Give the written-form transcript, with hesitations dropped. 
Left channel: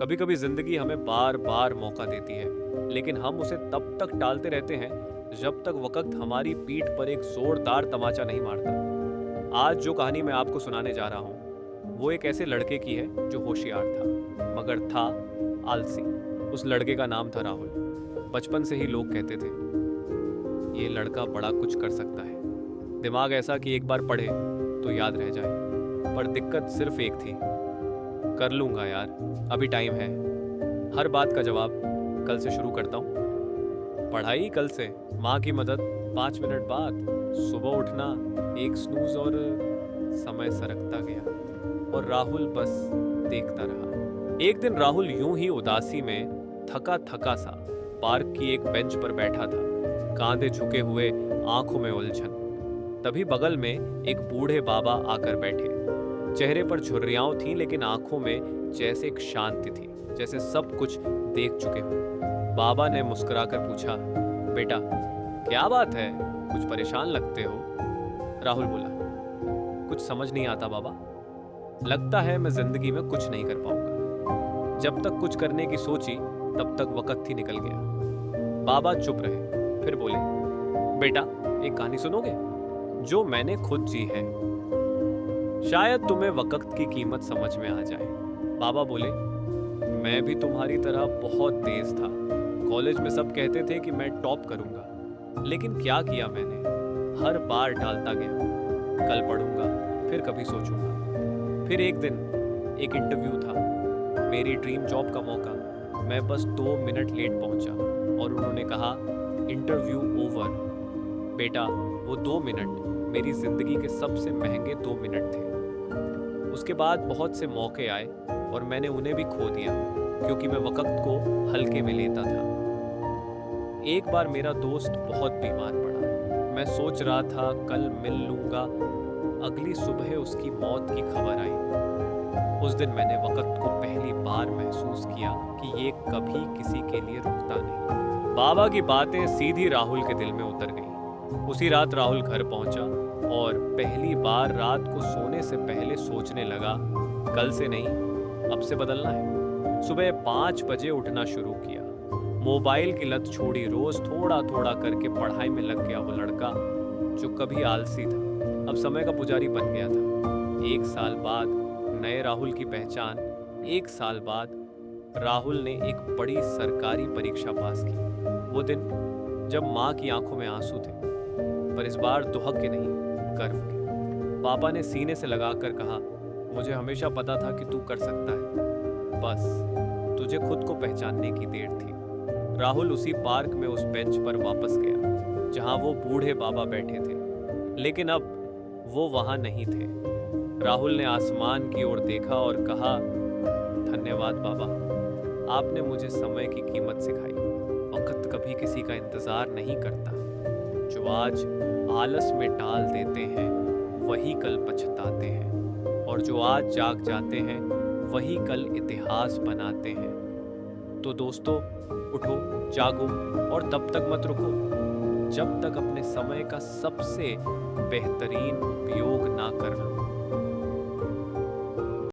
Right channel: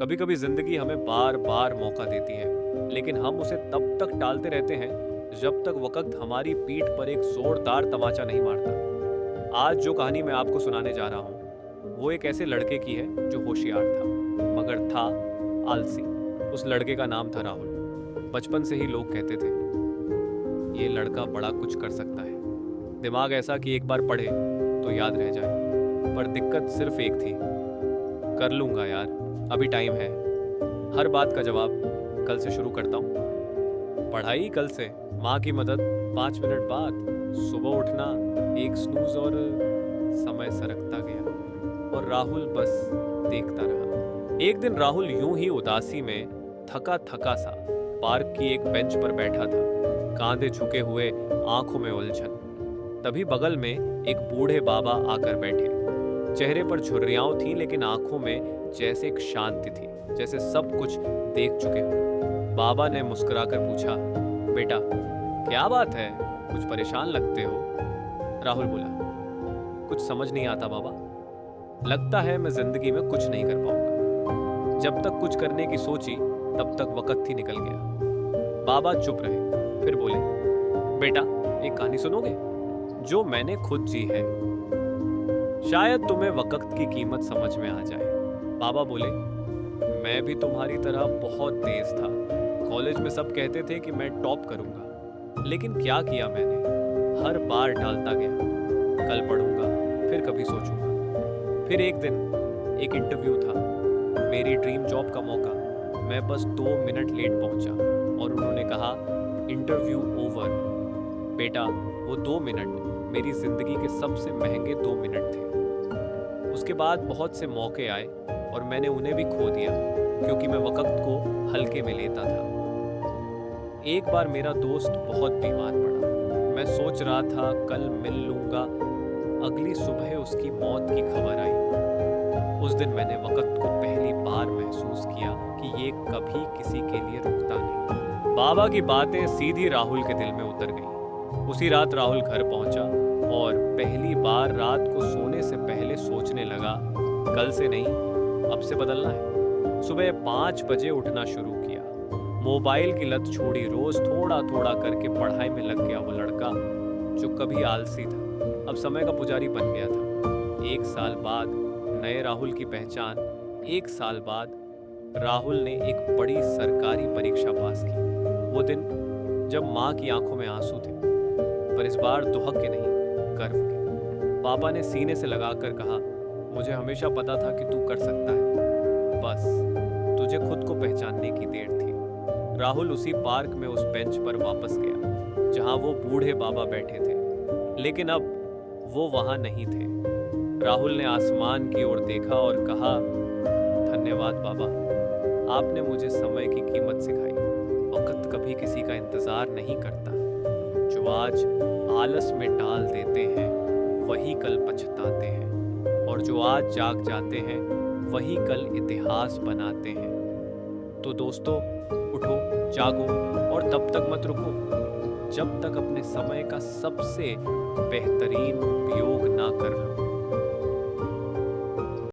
कभी कभी जिंदगी हमें बार बार मौका देती है, लेकिन हम उसे तब तक टालते रहते हैं जब तक वक्त हमारी पीठ पर एक जोरदार तमाचा नहीं मारता। आज जो कहानी मैं आपको सुनाने जा रहा हूँ वो एक ऐसे लड़के की है जो होशियार था, मगर था आलसी। उस लड़के का नाम था राहुल। बचपन से ही लोग कहते थे ये लड़का बड़ा कुछ कर सकता है, दिमाग ऐसा कि एक बार पढ़े तो याद रह जाए। पर दिक्कत सिर्फ एक थी, कर लूंगा यार, अभी टाइम है। हर बात का जवाब कल से शुरू करता हूँ। पढ़ाई कल से, माँ की मदद 5 मिनट बाद, सुबह उठना, एक स्नूज और समय सरकता गया और राहुल बस देखता रहा। एक दिन राहुल यूं ही उदासी में थका थका सा पार्क की एक बेंच पर बैठा था, कांधे झुके हुए, आंखों में उलझन। तभी बगल में एक बूढ़े बाबा आकर बैठे। चेहरे पर झुर्रियां थीं, लेकिन आंखों में जैसे एक शांति थी, जैसे सब कुछ देख चुके हों। बाबा ने मुस्कुराकर पूछा, बेटा क्या बात है, कुछ परेशान लगते हो? राहुल बोला, कुछ समझ नहीं आता बाबा, लगता है मैं जिंदगी में कुछ नहीं कर पाऊंगा। जब तक कुछ करने की सोची तब तक वक्त ही निकल गया। बाबा चुप रहे, फिर बोले, बेटा एक कहानी सुनोगे जो मैंने खुद जी है, शायद तुम्हें वक्त की कीमत समझ में आ जाए। बाबा बोले, मैं भी तुम्हारी तरह बहुत तेज था। कॉलेज में सब कहते थे कि मैं टॉप करूंगा, लेकिन क्या किया मैंने, हर बार टालता गया। कल पढ़ूंगा, फिर कभी सोचूंगा। फिर एक दिन एक इंटरव्यू था, मेरी ड्रीम जॉब का मौका। मैं बस 2 मिनट लेट पहुंचा और उन्होंने कहा इंटरव्यू ओवर। बेटा वो 2 मिनट मेरी जिंदगी के सबसे महंगे 2 मिनट थे। उसके बाद बहुत से मौके आए और मैंने उन्हें भी खो दिया, क्योंकि मैं वक्त को हल्के में लेता था। एक बार मेरा दोस्त बहुत बीमार पड़ा। मैं सोच रहा था कल मिल लूंगा, अगली सुबह उसकी मौत की खबर आई। उस दिन मैंने वक्त को पहली बार महसूस किया कि ये कभी किसी के लिए रुकता नहीं। बाबा की बातें सीधी राहुल के दिल में उतर गईं। उसी रात राहुल घर पहुंचा और पहली बार रात को सोने से पहले सोचने लगा, कल से नहीं अब से बदलना है। सुबह 5 बजे उठना शुरू किया, मोबाइल की लत छोड़ी, रोज थोड़ा थोड़ा करके पढ़ाई में लग गया। वो लड़का जो कभी आलसी था अब समय का पुजारी बन गया था। 1 साल बाद नए राहुल की पहचान। 1 साल बाद राहुल ने एक बड़ी सरकारी परीक्षा पास की। वो दिन जब माँ की आंखों में आंसू थे, पर इस बार दुहक के नहीं, गर्व के। पापा ने सीने से लगाकर कहा, मुझे हमेशा पता था कि तू कर सकता है, बस तुझे खुद को पहचानने की देर थी। राहुल उसी पार्क में उस बेंच पर वापस गया जहां वो बूढ़े बाबा बैठे थे, लेकिन अब वो वहां नहीं थे। राहुल ने आसमान की ओर देखा और कहा, धन्यवाद बाबा, आपने मुझे समय की कीमत सिखाई। वक्त कभी किसी का इंतजार नहीं करता। जो आज आलस में टाल देते हैं वही कल पछताते हैं, और जो आज जाग जाते हैं वही कल इतिहास बनाते हैं। तो दोस्तों, उठो, जागो और तब तक मत रुको जब तक अपने समय का सबसे बेहतरीन उपयोग ना कर लो।